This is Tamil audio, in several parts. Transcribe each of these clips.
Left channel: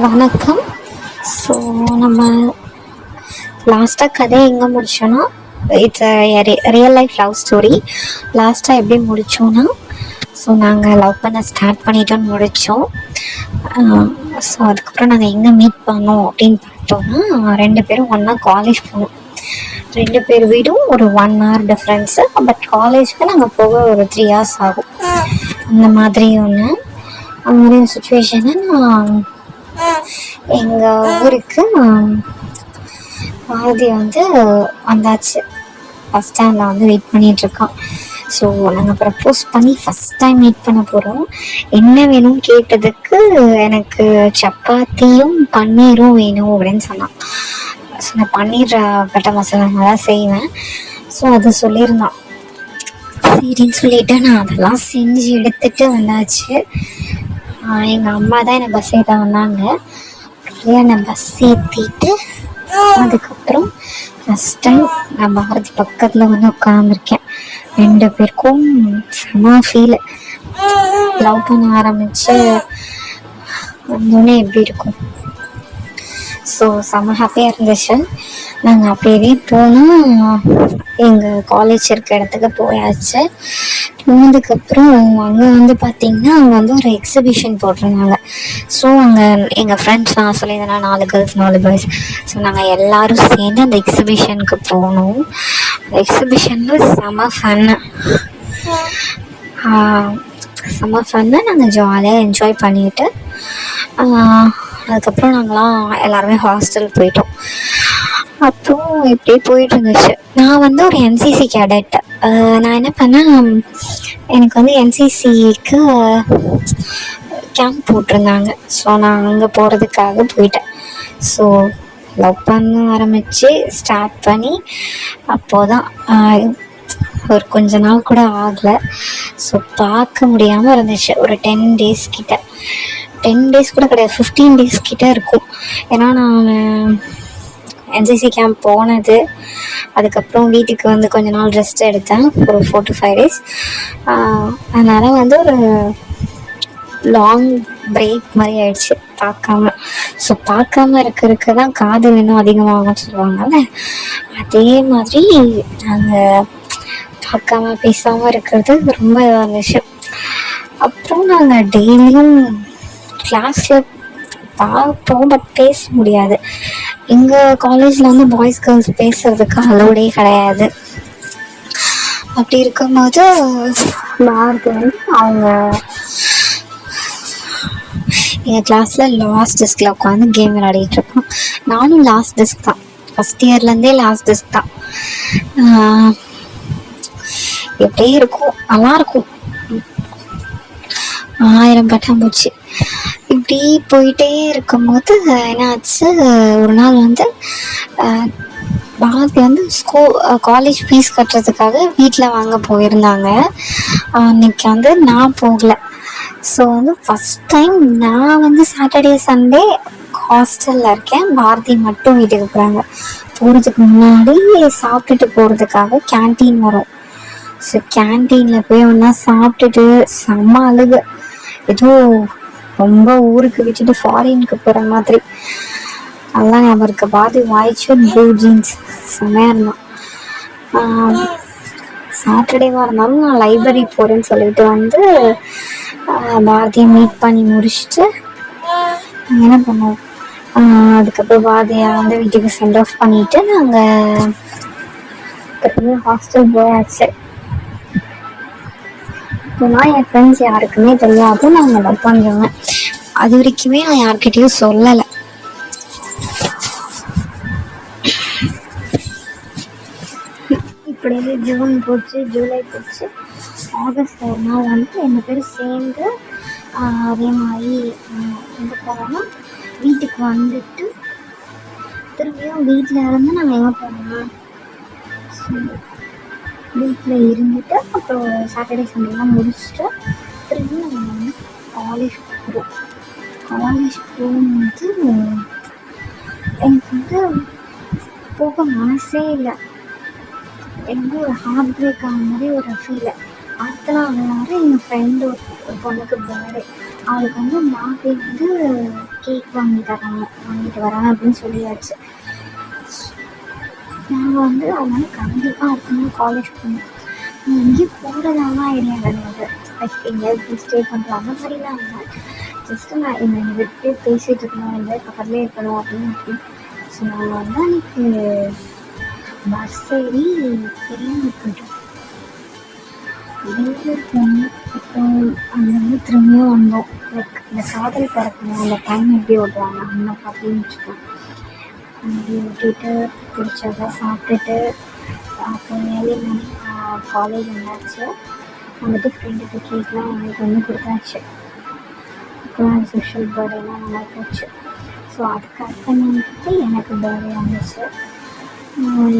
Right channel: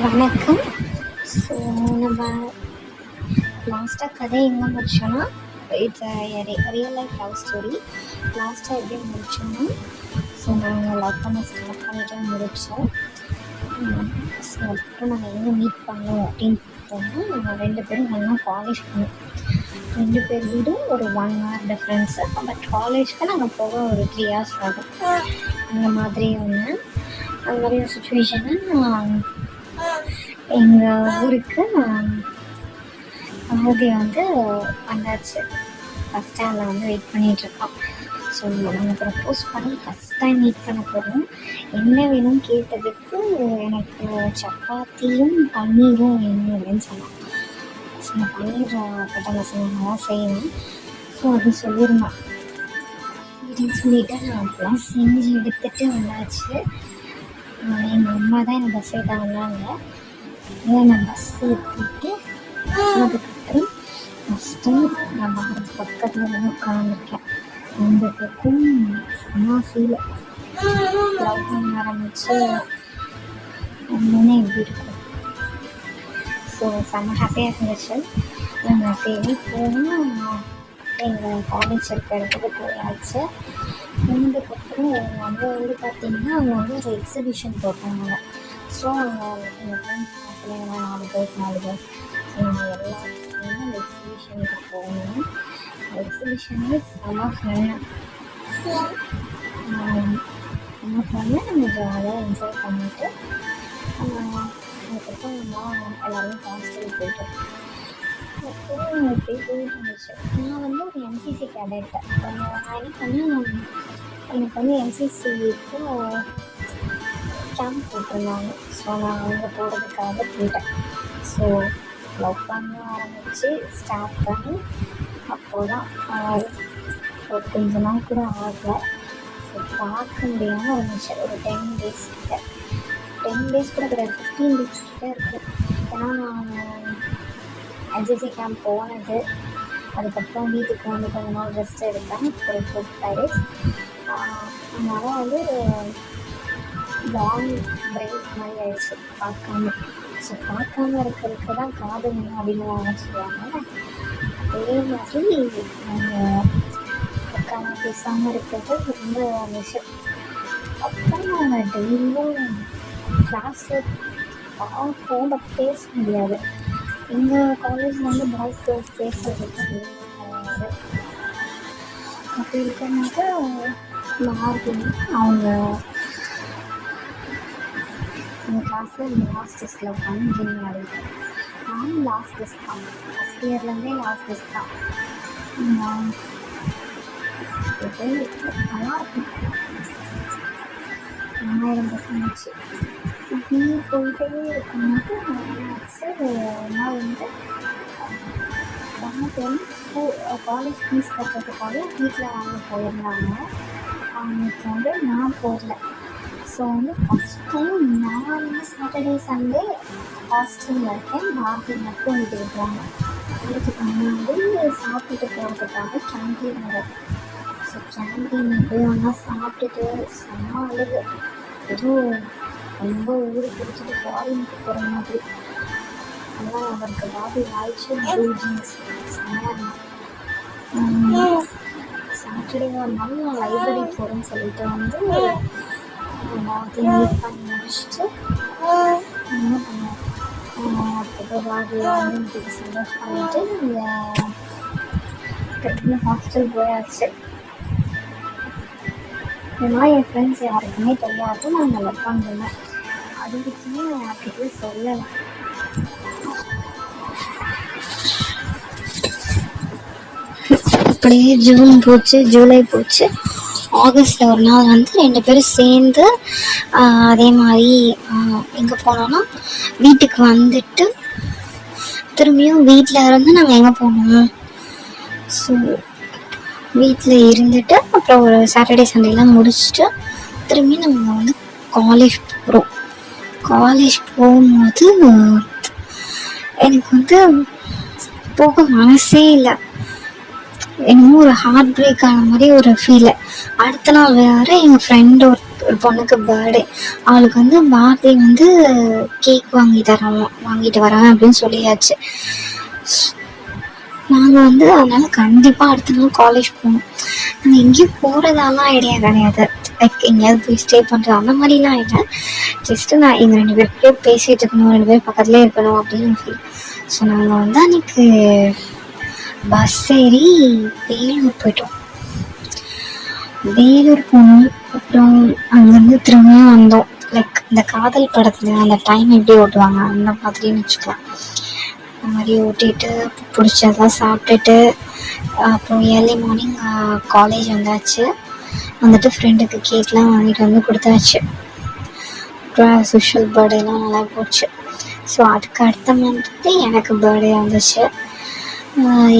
வணக்கம். ஸோ நம்ம லாஸ்ட்டாக கதையை எங்கே முடித்தோன்னா, it's real life love story. லாஸ்ட்டாக எப்படி முடித்தோன்னா, ஸோ நாங்கள் லவ் பண்ண ஸ்டார்ட் பண்ணிட்டோன்னு முடித்தோம். ஸோ அதுக்கப்புறம் நாங்கள் எங்கே மீட் பண்ணோம் அப்படின்னு பார்த்தோம்னா, 2 பேரும் ஒன்றா காலேஜ் போனோம். 2 பேர் வீடும் ஒரு 1 hour டிஃப்ரென்ஸு. பட் காலேஜுக்கு நாங்கள் போக ஒரு 3 hours ஆகும். அந்த மாதிரி ஒன்று அந்த மாதிரி ஒரு சுச்சுவேஷனை நான் எங்கள் ஊருக்கு பாரதி வந்தாச்சு. பஸ் ஸ்டாண்டில் வெயிட் பண்ணிகிட்ருக்கான். ஸோ நாங்கள் ப்ரப்போஸ் பண்ணி ஃபஸ்ட் டைம் மீட் பண்ண போகிறோம். என்ன வேணும்னு கேட்டதுக்கு எனக்கு சப்பாத்தியும் பன்னீரும் வேணும் அப்படின்னு சொன்னான். ஸோ நான் பன்னீர் பட்டர் மசாலா தான் செய்வேன். ஸோ அதை சொல்லியிருந்தான். சரின்னு சொல்லிவிட்டு நான் அதெல்லாம் செஞ்சு எடுத்துகிட்டு வந்தாச்சு. எங்கள் அம்மா தான் என்னை பஸ் ஏற்ற வந்தாங்க. என்னை பஸ் ஏற்றிட்டு அதுக்கப்புறம் ஃபஸ்ட் டைம் நான் பாரதி பக்கத்தில் உட்காந்துருக்கேன். 2 பேருக்கும் செம ஃபீலு. லவ் பண்ண ஆரம்பித்து வந்தோடனே எப்படி இருக்கும். ஸோ செம ஹாப்பியாக இருந்துச்சு. நாங்கள் அப்போவே போனால் எங்கள் காலேஜ் இருக்க இடத்துக்கு போயாச்சு. போனதுக்கப்புறம் அங்கே பார்த்திங்கன்னா அங்கே ஒரு எக்ஸிபிஷன் போட்டிருந்தாங்க. ஸோ அங்கே எங்கள் ஃப்ரெண்ட்ஸ் நான் சொல்லியிருந்தேன்னா 4 கேர்ள்ஸ் 4 பாய்ஸ். ஸோ நாங்கள் எல்லோரும் சேர்ந்து அந்த எக்ஸிபிஷனுக்கு போனோம். எக்ஸிபிஷனில் செம ஃபன்னு. நாங்கள் ஜாலியாக என்ஜாய் பண்ணிவிட்டு அதுக்கப்புறம் நாங்களாம் எல்லாருமே ஹாஸ்டல் போயிட்டோம். அப்புறம் இப்படியே போயிட்டு இருந்துச்சு. நான் ஒரு என்சிசி கேடட். நான் என்ன பண்ணேன், எனக்கு என்சிசிக்கு கேம்ப் போட்டிருந்தாங்க. ஸோ நான் அங்கே போகிறதுக்காக போயிட்டேன். ஸோ லவ் பண்ண ஆரம்பித்து ஸ்டார்ட் பண்ணி அப்போதான் ஒரு கொஞ்ச நாள் கூட ஆகலை. ஸோ பார்க்க முடியாமல் இருந்துச்சு. ஒரு 10 days கிட்ட, 10 days கூட கிடையாது, 15 days கிட்ட இருக்கும். ஏன்னா நான் என்சிசி கேம்ப் போனது, அதுக்கப்புறம் வீட்டுக்கு கொஞ்ச நாள் ரெஸ்ட் எடுத்தேன், ஒரு 4 to 5 days. அதனால் ஒரு லாங் பிரேக் மாதிரி ஆயிடுச்சு பார்க்காம. ஸோ பார்க்காம இருக்கிறதுக்கு தான் காதல் இன்னும் அதிகமாகும்னு சொல்லுவாங்கல்ல, அதே மாதிரி நாங்கள் பார்க்காம பேசாமல் இருக்கிறது ரொம்ப இதாக இருந்துச்சு. அப்புறம் நாங்கள் டெய்லியும் கிளாஸில் பார்ப்போம், பட் பேச முடியாது. எங்கள் காலேஜில் பாய்ஸ் கேர்ள்ஸ் பேசுகிறதுக்கு அலோடே கிடையாது. அப்படி இருக்கும்போது பாரதி அவங்க எங்கள் கிளாஸில் லாஸ்ட் டெஸ்கில் உட்காந்து கேம் விளையாடிட்டுருக்கோம். நானும் லாஸ்ட் டெஸ்க் தான், ஃபஸ்ட் இயர்லேருந்தே லாஸ்ட் டெஸ்க் தான். எப்படியே இருக்கும், நல்லாயிருக்கும். 1000 பட்டாம்பூச்சி இப்படி போயிட்டே இருக்கும்போது என்னாச்சு, ஒரு நாள் பாரதி காலேஜ் ஃபீஸ் கட்டுறதுக்காக வீட்டில் வாங்க போயிருந்தாங்க. அன்றைக்கி நான் போகலை. ஸோ ஃபஸ்ட் டைம் நான் சாட்டர்டே சண்டே ஹாஸ்டலில் இருக்கேன். பாரதி மட்டும் வீட்டுக்கு போகிறாங்க. போகிறதுக்கு முன்னாடி சாப்பிட்டுட்டு போகிறதுக்காக கேன்டீன் வரும். ஸோ கேன்டீனில் போய் ஒன்றா சாப்பிட்டுட்டு செம்ம அழுகு. எதுவும் ரொம்ப ஊருக்கு வச்சுட்டு ஃபாரினுக்கு போகிற மாதிரி. அதெல்லாம் ஞாபகம் இருக்கு. பாரதி வாய்ச்சு ப்ளூ ஜீன்ஸ் செம்மையாக இருந்தான். சாட்டர்டேவாக இருந்தாலும் நான் லைப்ரரி போகிறேன்னு சொல்லிட்டு பாரதியை மீட் பண்ணி முடிச்சுட்டு என்ன பண்ணுவோம், அதுக்கப்புறம் பாரதியை வீட்டுக்கு சென்ட் ஆஃப் பண்ணிவிட்டு நாங்கள் ஹாஸ்டல் போயாச்சு. நான் என் ஃப்ரெண்ட்ஸ் யாருக்குமே தெரியாது நாங்கள் லவ் பண்ணுறோங்க. அது வரைக்குமே நான் யார்கிட்டையும் சொல்லலை. அப்படியே ஜூன் போச்சு, ஜூலை போச்சு. ஆகஸ்டில் ஒரு நாள் 2 பேரும் சேர்ந்து அதே மாதிரி எங்கே போனோன்னா வீட்டுக்கு வந்துட்டு திரும்பியும் வீட்டில் இருந்து நாங்கள் எங்கே போனோம், ஸோ வீட்டில் இருந்துட்டு அப்புறம் ஒரு சாட்டர்டே சண்டேலாம் முடிச்சுட்டு திரும்பி நம்ம காலேஜ் போகிறோம். காலேஜ் போகும்போது எனக்கு போக மனசே இல்லை. என்னமோ ஒரு ஹார்ட் பிரேக் ஆன மாதிரி ஒரு ஃபீல். அடுத்த நாள் வேறு எங்கள் ஃப்ரெண்டு ஒரு பொண்ணுக்கு பர்த்டே. அவளுக்கு வந்து பாரதி வந்து கேக் வாங்கிட்டு வரேன் அப்படின்னு சொல்லியாச்சு. நாங்கள் வந்து அதனால கண்டிப்பாக அடுத்த நாள் காலேஜ் போகணும். நாங்கள் எங்கேயும் போகிறதாலாம் ஐடியா கிடையாது. லைக் எங்கேயாவது போய் ஸ்டே பண்ணுறது அந்த மாதிரிலாம் இல்லை. ஜஸ்ட்டு நான் எங்கள் 2 பேர்கிட்டயே பேசிகிட்டு இருக்கணும், 2 பேர் பக்கத்துலேயே இருக்கணும் அப்படின்னு ஃபீல். ஸோ நாங்கள் வந்து அன்றைக்கி பஸ் ஏறி வேலூர் போயிட்டோம். வேலூர் போனோம். அப்புறம் அங்கேருந்து திரும்பவும் வந்தோம். லைக் இந்த காதல் படத்தில் அந்த டைம் எப்படி ஓட்டுவாங்க அந்த மாதிரின்னு வச்சுக்கலாம். அந்த மாதிரி ஓட்டிகிட்டு பிடிச்சதெல்லாம் சாப்பிட்டுட்டு அப்புறம் ஏர்லி மார்னிங் காலேஜ் வந்தாச்சு. வந்துட்டு ஃப்ரெண்டுக்கு கேக்லாம் வாங்கிட்டு வந்து கொடுத்தாச்சு. அப்புறம் சோஷியல் பர்த்டேலாம் நல்லா போச்சு. ஸோ அதுக்கு அடுத்த மந்த் எனக்கு பர்த்டே வந்துச்சு.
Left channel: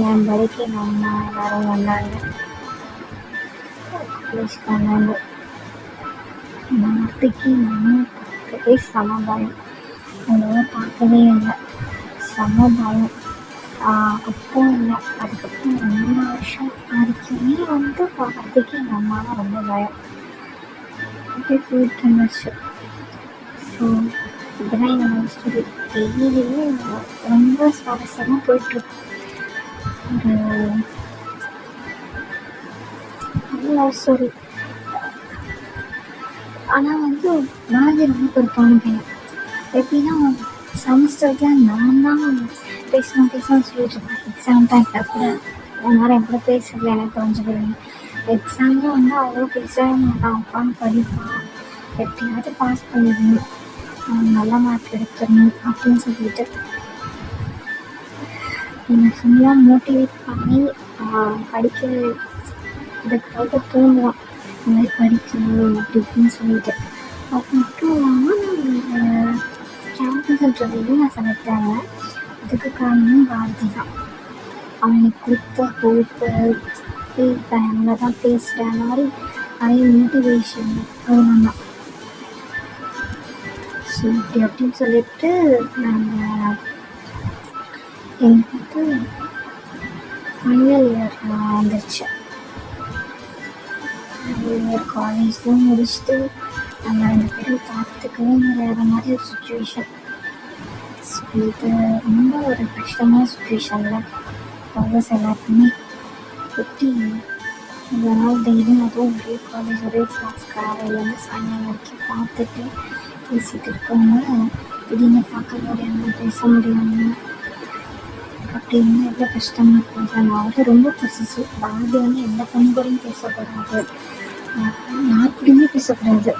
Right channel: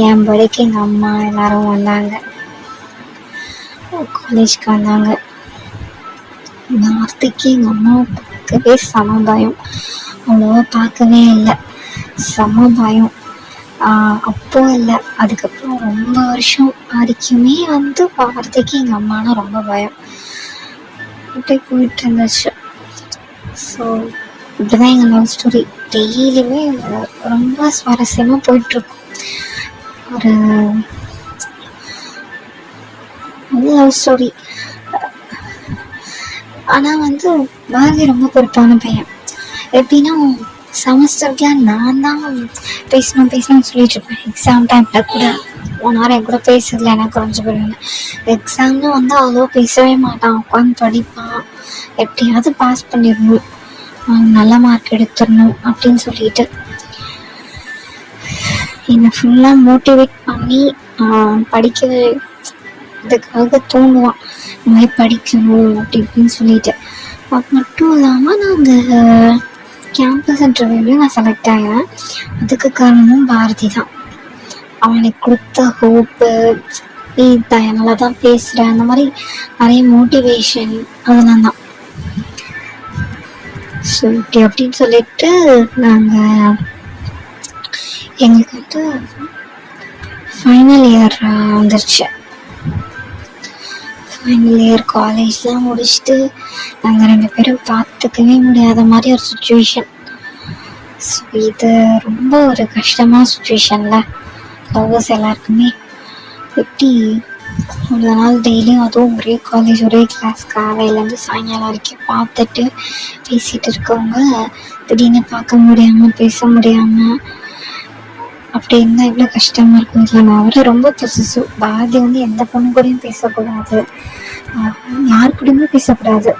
என் பர்த்டேக்கு எங்கள் அம்மா எல்லோரும் வந்தாங்க, காலேஜ்க்கு வந்தாங்க. வார்த்தைக்கு எங்கள் அம்மாவை பார்க்கவே செம பயம். அவ்வளோவா பார்க்கவே இல்லை, செம பயம். அப்போ இல்லை, அதுக்கப்புறம் ரொம்ப வருஷம் வரைக்குமே வந்து வார்த்தைக்கு எங்கள் அம்மானா ரொம்ப பயம். அப்படியே போயிட்டு இருந்துச்சு. ஸோ இப்படிதான் எங்கள் லவ் ஸ்டோரி டெய்லியுமே ரொம்ப சுவாரஸ்யமாக போயிட்டுருக்கும். ஒரு லவ் ஸ்டோரி. ஆனால் வந்து பாரதி ரொம்ப பொறுப்பான பையன். எப்படின்னா செமஸ்டருக்குலாம் நான் தான் பேசணும்னு சொல்லிட்டு இருப்பேன். எக்ஸாம் டைமில் கூட 1 hour என் கூட பேசுறதுல எனக்கு குறைஞ்சி போயிடுவேன். எக்ஸாம்னு வந்து அவ்வளோ பேசவே மாட்டான், உட்காந்து படிப்பான். எப்படியாவது பாஸ் பண்ணிடணும், நல்ல மார்க் எடுத்துடணும் அப்படின்னு சொல்லிட்டு என்னை ஃபுல்லாக மோட்டிவேட் பண்ணி இதுக்காக தோணுவான். இந்த மாதிரி படிக்கணும் அப்படி இப்படின்னு சொல்லிட்டு. அது மட்டும் இல்லாமல் நாங்கள் கேம்பஸ் இன்டர்வியூலையும் நான் செலக்ட் ஆகினேன். அதுக்கு காரணமும் பாரதி தான். அவனுக்கு கொடுத்த ஹோப்பு, நீ நல்லா தான் பேசுகிற, அந்த மாதிரி நிறைய மோட்டிவேஷன் அதெல்லாம் தான். ஸோ இப்படி அப்படின்னு சொல்லிட்டு நாங்கள் எங்களுக்கு வந்து ஃபைனல் இயர் வந்துருச்சு. ஃபைனல் இயர் காலேஜ்லாம் முடிச்சுட்டு நாங்கள் 2 பேரும் பார்த்துக்கவே முடியாத மாதிரி ஒரு சுச்சுவேஷன். ஸோ இது ரொம்ப ஒரு கஷ்டமான சுச்சுவேஷனில் லவ்வர்ஸ் எல்லாருக்குமே. எப்படி அவ்வளோ நாள் டெய்லியும் அதுவும் ஒரே காலேஜ் ஒரே கிளாஸ் காலையிலேருந்து சாயங்காலம் வரைக்கும் பார்த்துட்டு பேசிகிட்டு இருக்கவங்க திடீர்னு பார்க்க முடியாமல் பேச முடியாமல் அப்படி இருந்தால் எவ்வளோ கஷ்டமாக இருக்கும். இதில் நான் அவரை ரொம்ப பொசிசிவ். பாரதி வந்து எந்த பொண்ணு கூடயும் பேசக்கூடாது, யார் கூடயுமே பேசக்கூடாது.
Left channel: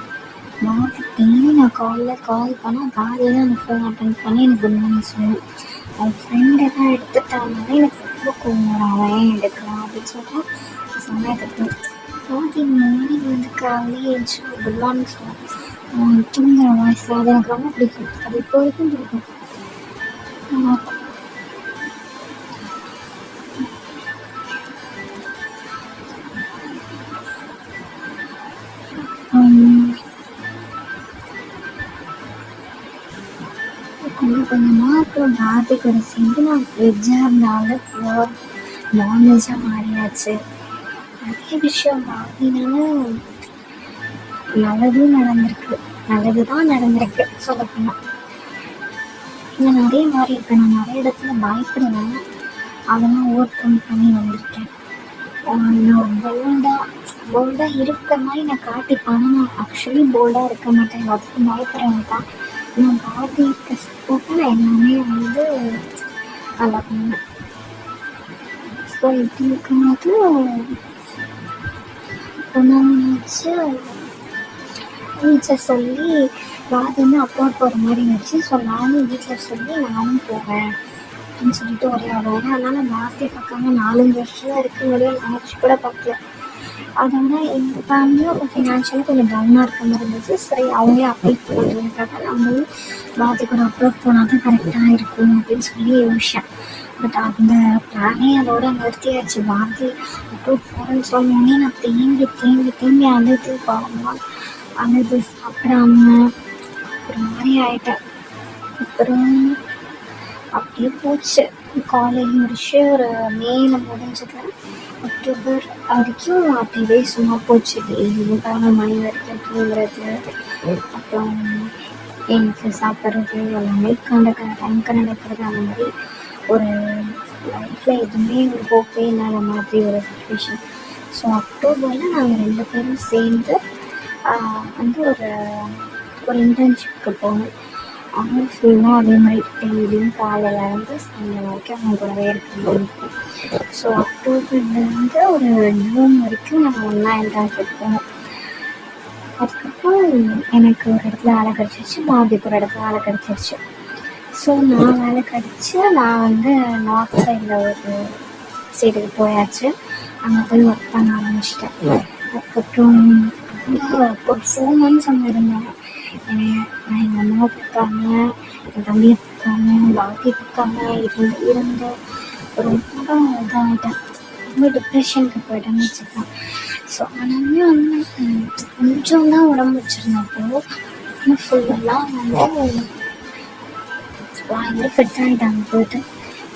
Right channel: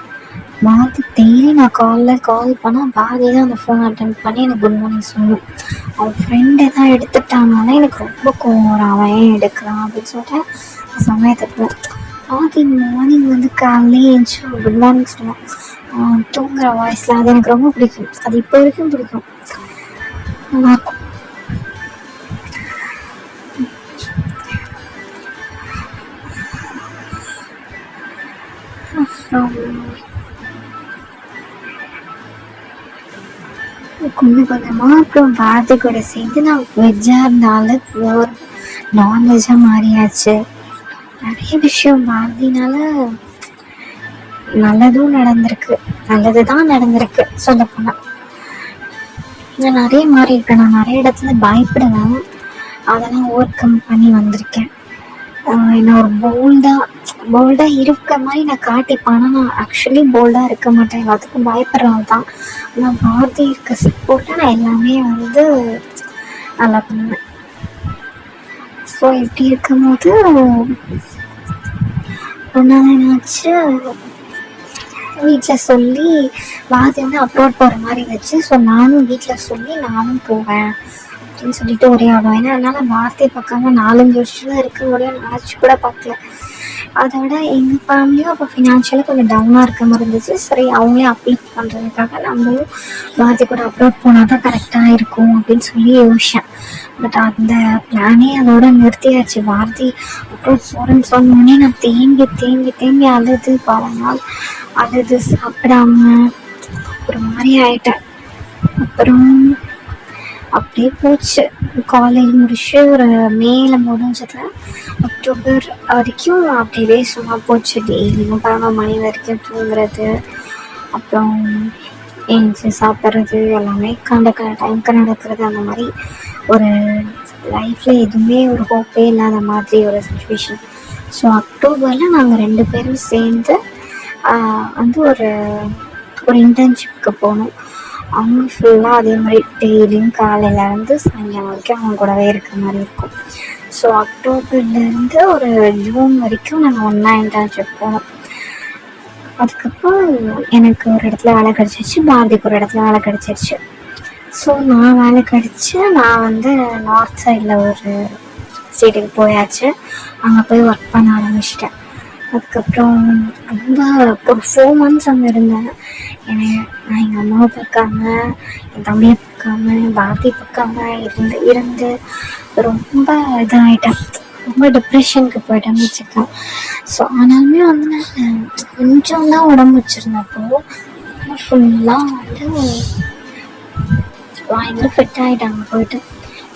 பாரதி டெய்லி நான் கால் பண்ணால் பாரதி தான் அந்த ஃபோன் அட்டன் பண்ணி எனக்கு குட் மார்னிங் சொல்லணும். அவன் ஃப்ரெண்டு எதாவது எடுத்துட்டாங்கன்னா எனக்கு ரொம்ப கோவம் வரும், அவன் ஏன் எடுக்கிறான் அப்படின்னு சொல்லிட்டு சமயத்துக்கு பாரதி மார்னிங் வந்து காலையிலே எழுந்துச்சு குட் மார்னிங் சொல்லுவான். தூங்குற வாய்ஸில் அது எனக்கு ரொம்ப பிடிக்கும். அது இப்போ வரைக்கும் பிடிக்கும். நல்லாயிருக்கும். கொஞ்சம் கொஞ்சமாக அப்புறம் பாரதி கூட சேர்ந்து நான் வெஜ்ஜாக இருந்தாலும் பியூர் நான்வெஜ்ஜாக மாறியாச்சு. நிறைய விஷயம் பாரதினால நல்லதும் நடந்திருக்கு, நல்லது தான் நடந்திருக்கு. சொல்ல போனால் நான் நிறைய மாறி இருக்கேன். நான் நிறைய இடத்துல பயப்படுவேன், அதெல்லாம் ஓவர் கம் பண்ணி வந்திருக்கேன். என்ன ஒரு போல்டாக இருக்க மாதிரி நான் காட்டிப்பேன். ஆனால் நான் ஆக்சுவலி போல்டாக இருக்க மாட்டேன், எல்லாத்துக்கும் பயப்படுறது தான். நான் பாரதி இருக்க சப்போர்ட்டாக நான் எல்லாமே வந்து நல்லா பண்ணுவேன். ஸோ இப்படி இருக்கும்போது என்னாச்சு, வீட்டில் சொல்லி பாரதி வந்து அப்ரோட் போகிற மாதிரி இருந்துச்சு. ஸோ நானும் வீட்டில் சொல்லி நானும் போவேன் அப்படின்னு சொல்லிட்டு ஒரே ஆடும். ஏன்னா அதனால் வார்த்தையை பார்க்காம 4-5 வருஷம் தான் இருக்க முடியும், நினச்சி கூட பார்க்கல. அதை விட எங்கள் ஃபேமிலியும் அப்போ ஃபினான்ஷியலாக கொஞ்சம் டவுனாக இருக்க மாதிரி இருந்துச்சு. சரி அவங்களே அப்ளை பண்ணுறதுக்காக நம்மளும் பாரதி கூட அப்ரோட் போனால் தான் கரெக்டாக இருக்கும் அப்படின்னு சொல்லி யோசிச்சேன். பட் அந்த பிளானே அதோட நிறுத்தியாச்சு. பாரதி அப்ரோட் போகிறேன்னு சொன்னோடனே நான் தேம்பி அழுது நாள் அழுது சாப்பிடாம ஒரு மாதிரி ஆயிட்டேன். அப்புறம் அப்படியே போச்சு. காலேஜ் முடிச்சு ஒரு மேல முடிஞ்சது. அக்டோபர் வரைக்கும் அப்படியே சும்மா போச்சு. டெய்லியும் 11 மணி வரைக்கும் தூங்குறது, அப்புறம் எழுந்துச்சி சாப்பிட்றது, எல்லாமே கண்ட டைமுக்கு நடக்கிறது. அந்த மாதிரி ஒரு லைஃப்பில் எதுவுமே ஒரு ஹோப்பே இல்லாத மாதிரி ஒரு சுச்சுவேஷன். ஸோ அக்டோபரில் நாங்கள் 2 பேரும் சேர்ந்து வந்து ஒரு இன்டர்ன்ஷிப்க்கு போனோம். அவங்க ஃபுல்லாக அதே மாதிரி டெய்லியும் காலையிலேருந்து சாயங்காலம் வரைக்கும் அவங்க கூடவே இருக்கிற மாதிரி இருக்கும். ஸோ அக்டோபர்லேருந்து ஒரு ஜூன் வரைக்கும் நாங்கள் ஒன்றா இன்டர்ன்ஷிப் போனோம். அதுக்கப்புறம் எனக்கு ஒரு இடத்துல வேலை கிடச்சிருச்சு, பாரதிக்கு ஒரு இடத்துல வேலை கிடச்சிருச்சு. ஸோ நான் வேலை கிடச்சி நான் வந்து நார்த் சைடில் ஒரு ஸ்டேட்டுக்கு போயாச்சு. அங்கே போய் ஒர்க் பண்ண ஆரம்பிச்சிட்டேன். அதுக்கப்புறம் ரொம்ப ஒரு 4 months அங்கே இருந்தேன். நான் எங்கள் அம்மாவை பார்க்காம, என் தம்பியை பார்க்காம, பாரதி பார்க்காம இருந்து ரொம்ப இதாகிட்டேன். ரொம்ப டிப்ரெஷனுக்கு போயிட்டேன்னு வச்சுக்கலாம். ஸோ ஆனாலுமே வந்து நான் கொஞ்சம் தான் உடம்பு வச்சுருந்தப்போ ஃபுல்லாக வந்து பயங்கர ஃபிட் ஆகிட்டாங்க. போயிட்டு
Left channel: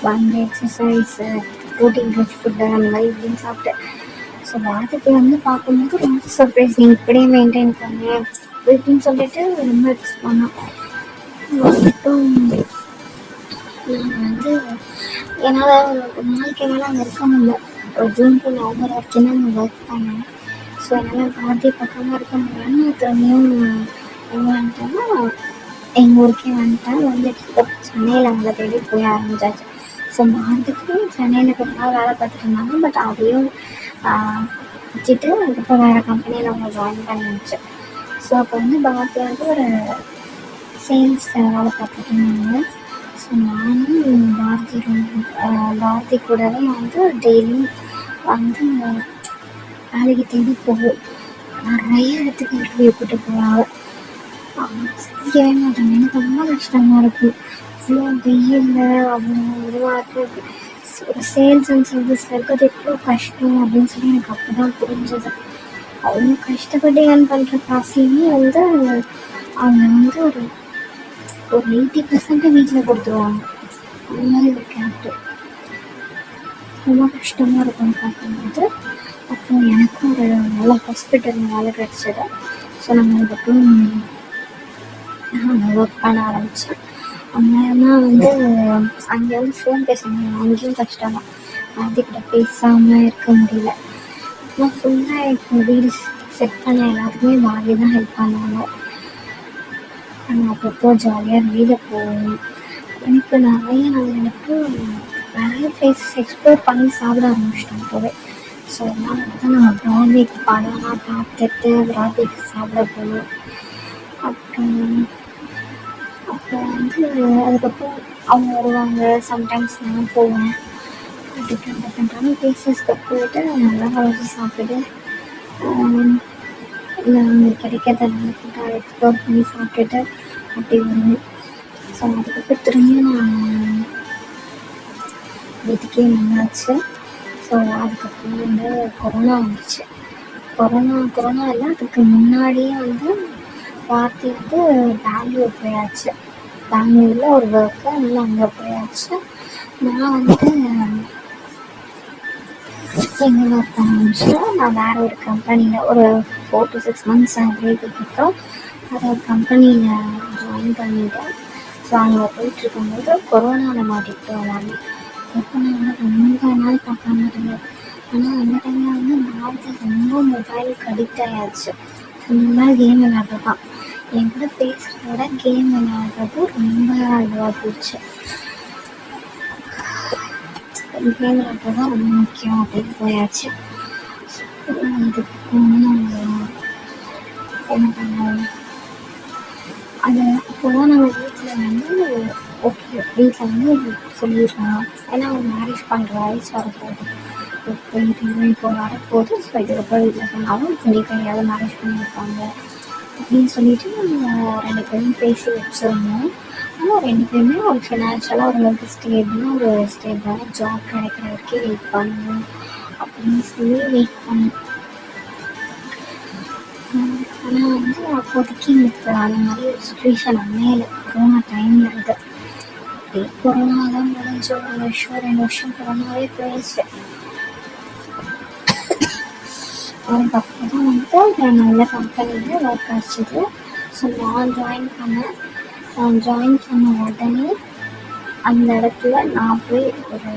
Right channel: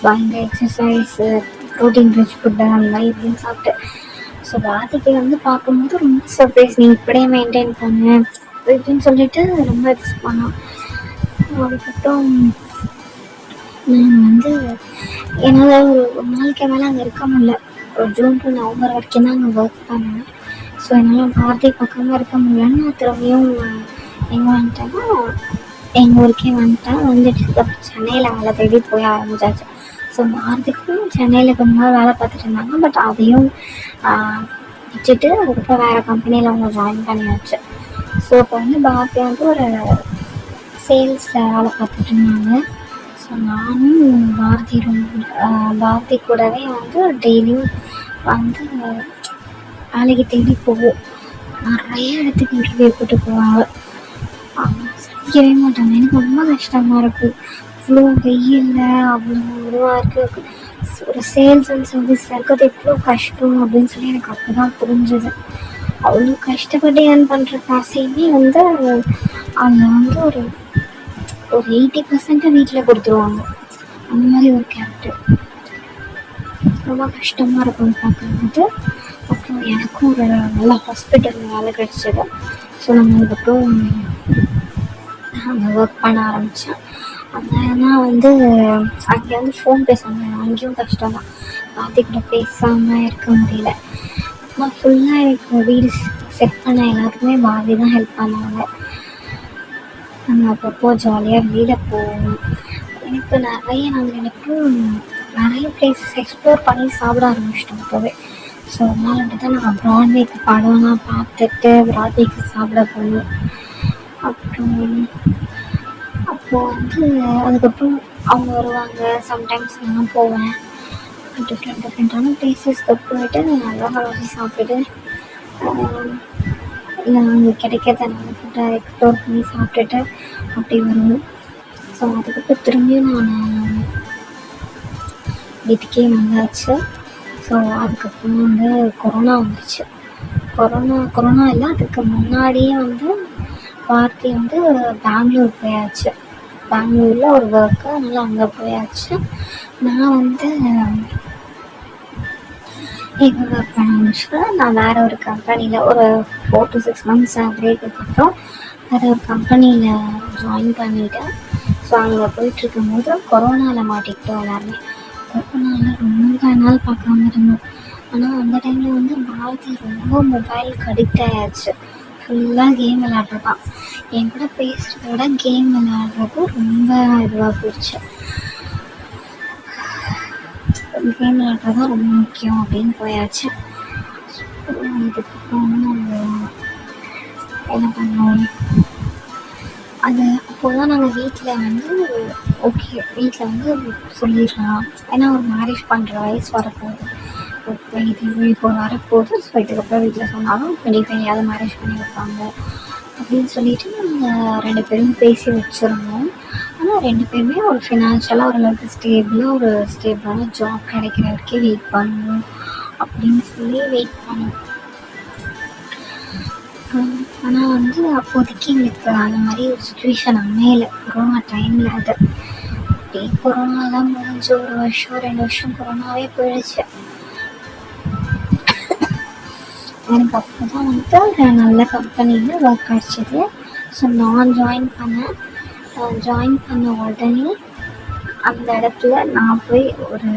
பயங்கர எக்ஸசைஸு, ப்ரோட்டீன் ரிச் ஃபுட்டு அந்த மாதிரி இப்படின்னு சாப்பிட்டு. ஸோ பாரதிக்கு வந்து பார்க்கும்போது ரொம்ப சர்ப்ரைஸ், நீ இப்படியே மெயின்டைன் பண்ணு அப்படின்னு சொல்லிட்டு ரொம்ப எக்ஸ் பண்ணோம். அப்புறம் நான் வந்து என்னால் ஒரு நாளைக்கு மேலே அங்கே இருக்க முடியல. ஒரு ஜூன் to நவம்பர் வரைக்கும் தான் அங்கே ஒர்க் பண்ணேன். ஸோ என்னால் பாரதி பக்கமாக இருக்க முடியலன்னு நான் திரும்பியும் எங்கே வந்துட்டேன்னா எங்கள் ஊருக்கே வந்துட்டேன். வந்துட்டு சென்னையில் வேலை தேடி போய் ஆரம்பிச்சாச்சு. ஸோ பாரதிக்கு சென்னையில் கொஞ்ச நாள் வேலை பார்த்துட்டு இருந்தாங்க. பட் அதையும் வச்சுட்டு அதுக்கப்புறம் வேறு கம்பெனியில் அவங்க ஜாயின் பண்ணியாச்சு. ஸோ அப்போ வந்து பாரதி வந்து ஒரு சேல்ஸில் வேலை பார்த்துட்டு இருந்தாங்க. ஸோ நானும் பாரதி கூடவே வந்து டெய்லியும் வந்து வேலைக்கு தேடி போவோம். நிறைய இடத்துக்கு இன்டர்வியூ போட்டு போவாங்க. செய்யவே மாட்டாங்க. எனக்கு ரொம்ப கஷ்டமாக இருக்கும். அவ்வளோ வெயில்ல அவ்வளோ இதுவாக இருக்குது. ஒரு சேல்ஸ் அண்ட் சர்வீஸில் இருக்கிறது எவ்வளோ கஷ்டம் அப்படின்னு சொல்லி எனக்கு அப்போ தான் புரிஞ்சுது. அவ்வளோ கஷ்டப்பட்டு ஏர்ன் பண்ணுற காசையுமே வந்து அவங்க வந்து ஒரு 80% வீட்டில் கொடுத்துருவாங்க. அந்த மாதிரி ஒரு கேரக்டர் ரொம்ப கஷ்டமாக இருக்கும் பார்க்கும்போது. அப்புறம் எனக்கும் ஒரு நல்ல ஹாஸ்பிட்டல் வேலை கிடச்சிது. ஸோ நம்ம அதுக்கப்புறம் அங்கே ஒர்க் பண்ண ஆரம்பித்தேன். அங்கேனா வந்து அங்கே வந்து ஃபோன் பேச முடியும், அங்கேயும் கஷ்டம் தான். பாரதிக்கிட்ட பேசாமல் இருக்க முடியல. நான் ஃபுல்லாக எனக்கு வீடு செட் பண்ண எல்லாத்துக்குமே பாரதி தான் ஹெல்ப் பண்ணாங்க. நாங்கள் அப்பப்போ ஜாலியாக வெளியில் போவோம். எனக்கு நிறைய பிளேசஸ் எக்ஸ்ப்ளோர் பண்ணி சாப்பிட ஆரம்பிச்சிட்டோம் அப்போவே. ஸோ அதனால தான் நான் ப்ராட்வேக்கு படம்லாம் பார்த்துட்டு ப்ராட்வேக்கு சாப்பிட போவோம். அப்போ வந்து அதுக்கப்புறம் அவங்க வருவாங்க, சம்டைம்ஸ் நான் போவேன். டிஃப்ரெண்ட்டான பிளேசஸ்க்கு போயிட்டு நல்லா வளர்ச்சி சாப்பிட்டு அங்கே கிடைக்கிறத நல்லா ஃபுட்டாக எக்ஸ்ப்ளோர் பண்ணி சாப்பிட்டுட்டு அப்படி வருவோம். ஸோ அதுக்கப்புறம் திரும்பியும் நான் வீட்டுக்கே வந்தாச்சு. ஸோ அதுக்கப்புறம் வந்து கொரோனா வந்துச்சு. கொரோனா இல்லை, அதுக்கு முன்னாடியே வந்து பாரதி வந்து பெங்களூர் போயாச்சு. பெங்களூரில் ஒரு ஒர்க்கு, அதனால் அங்கே போயாச்சு. நான் வந்து எங்கே ஒர்க் பண்ண முடிச்சுன்னா நான் வேறு ஒரு கம்பெனியில் ஒரு 4 to 6 months பிரேக்குக்கு அப்புறம் வேறு ஒரு கம்பெனியில் ஜாயின் பண்ணிவிட்டேன். ஸோ அங்கே போயிட்டுருக்கும்போது கொரோனாவில் மாட்டிக்கிட்டோம் எல்லாருமே. கொரோனாவில் ரொம்ப நாள் பார்க்காம இருந்தோம். ஆனால் அந்த டைமில் வந்து பாரதி ரொம்ப மொபைலுக்கு அடிக்ட் ஆகிடுச்சு. ஃபுல்லாக கேம் விளையாடுறதான். என் கூட பேசுகிறத விட கேம் விளையாடுறது ரொம்ப இதுவாக போயிடுச்சு. கேம் விளையாடுறது தான் ரொம்ப முக்கியம் அப்படின்னு போயாச்சு. இதுக்கு என்ன பண்ணோம், அது அப்போதான் நாங்கள் வீட்டில் வந்து ஓகே வீட்டில் வந்து சொல்லிடலாம், ஏன்னா ஒரு மேரேஜ் பண்ணுற வயசு வரப்போகுது, இப்போ வரப்போகுது. ஸோ இதுக்கப்புறம் வீட்டில் சொன்னாலும் 25 மேரேஜ் பண்ணி வைப்பாங்க அப்படின்னு சொல்லிட்டு நாங்கள் 2 பேரும் பேசி வச்சுருந்தோம். ஆனால் 2 பேருமே ஒரு ஃபினான்ஷியலாக ஓரளவுக்கு ஸ்டேபிளான ஜாப் கிடைக்கிற வரைக்கும் வெயிட் பண்ணணும் அப்படின்னு சொல்லி வெயிட் பண்ணோம். ஆனால் வந்து அப்போதைக்கு எங்களுக்கு அந்த மாதிரி ஒரு சுச்சுவேஷன் அமையலை. கொரோனா டைமில் அது அப்படியே கொரோனா தான் முடிஞ்சு 1 வருஷம் 2 வருஷம் கொரோனாவே போயிடுச்சு. எனக்கு அப்போ தான் வந்துட்டு ஒரு நல்ல கம்பெனியில் ஒர்க் கிடச்சிது. ஸோ நான் ஜாயின் பண்ணேன். ஜாயின் பண்ண உடனே அந்த இடத்துல நான் போய் ஒரு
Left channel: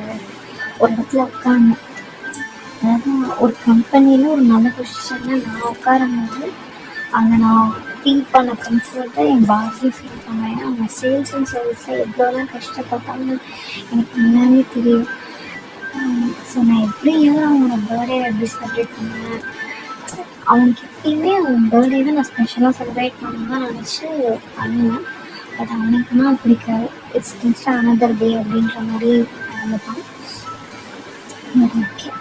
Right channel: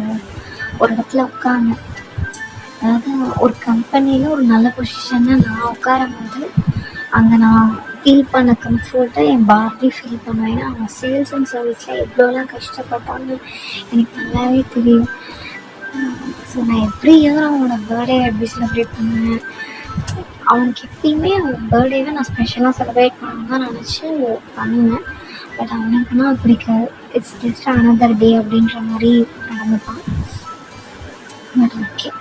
ஒரு இடத்துல உட்காந்தேன். அதாவது ஒரு கம்பெனியில் ஒரு நல்ல பொசிஷனில் நான் உட்காரும்போது அங்கே நான் ஃபீல் பண்ண கம்ஃபர்ட்டை என் பாஸே ஃபீல் பண்ணுவேன். ஏன்னா அவங்க சேல்ஸ் அண்ட் சர்வீஸில் எவ்வளோலாம் கஷ்டப்பட்டாங்க எனக்கு நல்லாவே தெரியும். ஸோ நான் எவ்ரி இயர் அவனோட பர்த்டே எப்படி செலிப்ரேட் பண்ணுவேன், அவனுக்கு எப்பயுமே அவன் பர்த்டேவை நான் ஸ்பெஷலாக செலிப்ரேட் பண்ணணும் தான் நினச்சி பண்ணுவேன். பட் அவனுக்குன்னா பிடிக்காது. இட்ஸ் ஜஸ்ட் அனதர் டே அப்படின்ற மாதிரி நடந்துப்பான். But okay.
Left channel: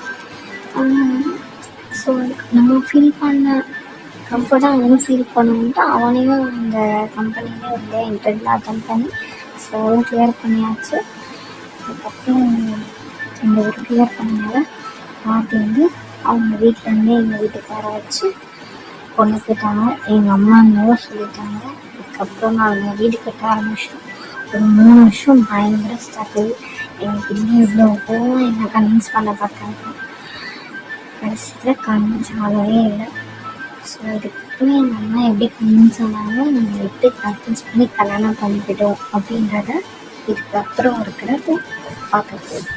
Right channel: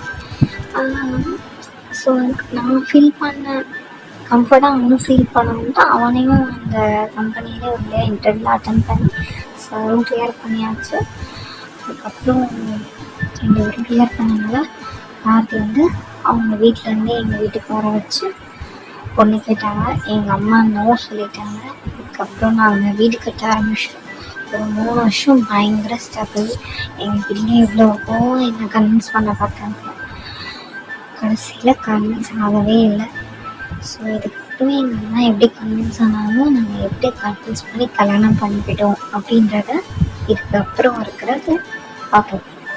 ஸோ நம்ம ஃபீல் பண்ண கம்ஃபர்ட்டாக அவனும் ஃபீல் பண்ணணுன்ட்டு அவனையும் அந்த கம்பெனியிலே வந்து இன்டர்வியூ அட்டன் பண்ணி ஸோ கிளியர் பண்ணியாச்சு. அதுக்கப்புறம் இந்த ஒரு கிளியர் பண்ணதால் பார்த்தி வந்து அவங்க வீட்டிலேருந்தே எங்கள் வீட்டுக்கு வர வச்சு பொண்ணு கேட்டாங்க. எங்கள் அம்மா நோ சொல்லிட்டாங்க. அதுக்கப்புறம் நாங்கள் வீடு கட்ட ஆரம்பிச்சிட்டோம். ஒரு 3 வருஷம் பயங்கர ஸ்ட்ரகிள். எங்கள் வீட்டிலே எவ்வளவோ என்னை கன்வின்ஸ் பண்ண பார்த்தாங்க. கடைசியில் கன்வின்ஸ் ஆகவே இல்லை. ஸோ இதுக்கப்புறமே எங்கள் அம்மா எப்படி கன்வின்ஸ் ஆனாலும் நாங்கள் எப்படி கன்வின்ஸ் பண்ணி கல்யாணம் பண்ணிக்கிட்டோம் அப்படின்றத இதுக்கப்புறம் இருக்கிறத பார்க்க போகிறோம்.